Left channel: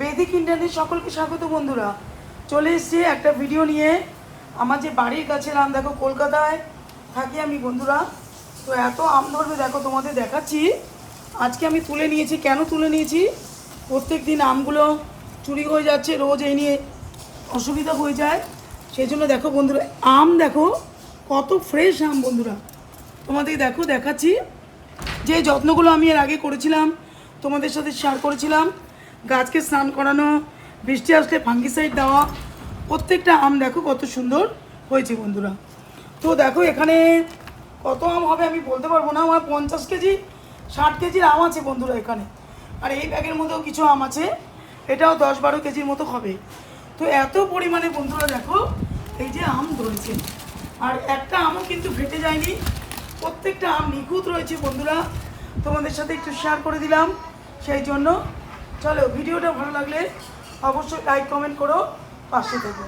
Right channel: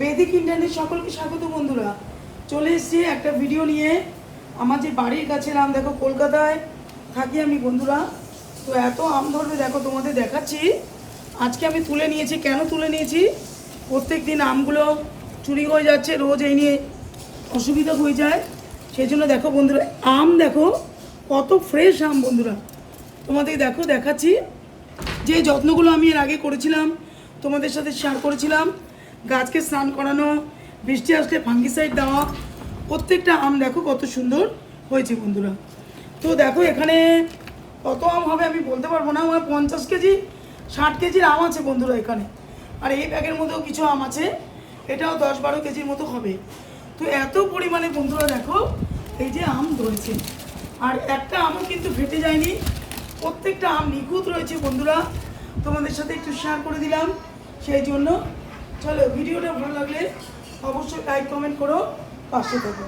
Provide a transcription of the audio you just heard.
বেদিক internet সকলকে স্বাগত বন্ধুরা। চলে এসেছি একটা ভিডিও নিয়ে। আমার যে বাড়ির কাছের আম, দেখো কলকাতায় থাকি আমি বন্ধুরা। তো এত আম ধরবে দেখো, তোমাদের দেখাচ্ছি। আজকে আমি তুলে নিয়েছি। কেন তুলে নিয়েছি? প্রত্যেক দিন আমগুলো চুরি হয়ে যাচ্ছে, রোজ এই নিয়ে অসুবিধা হয়ে যায়। সেই জন্য দেখো বন্ধুরা, আম দেখো কত ফ্রেশ আম বন্ধুরা। তোমাদের দেখো দেখাচ্ছি। যে যত্নগুলো আমি এর আগে করেছিলাম তোমাদের সাথে শেয়ার করেছিলাম, গাছকে স্নান করানো, বৃষ্টি আসলে ফাঙ্গিসাইড দেওয়া, প্রত্যেকটা আম দেখো কত সুন্দর হয়েছে বন্ধুরা। তো দেখো এখানে কত আম হবে আমি বলতে পারবো না। আমার 50 কেজি 60 কেজির আম আছে বন্ধুরা এখানে। আর এই ব্যাগের মধ্যেও কিছু আম আছে, এটাও 10-12 কেজির মতো হবে। তো এত পরিমাণে বন্ধুরা দেখো এই যে আম ধরেছে, আর একটা আমও কিন্তু ফেটে যায়নি। প্রত্যেকটা আম নিখুঁত রয়েছে বন্ধুরা। তোমাদের সাথে একটু শেয়ার করে দিলাম সেই জন্য। চলো, ভিডিওটা ভালো লাগলে অবশ্যই লাইক কমেন্ট করো, পাশে থেকো।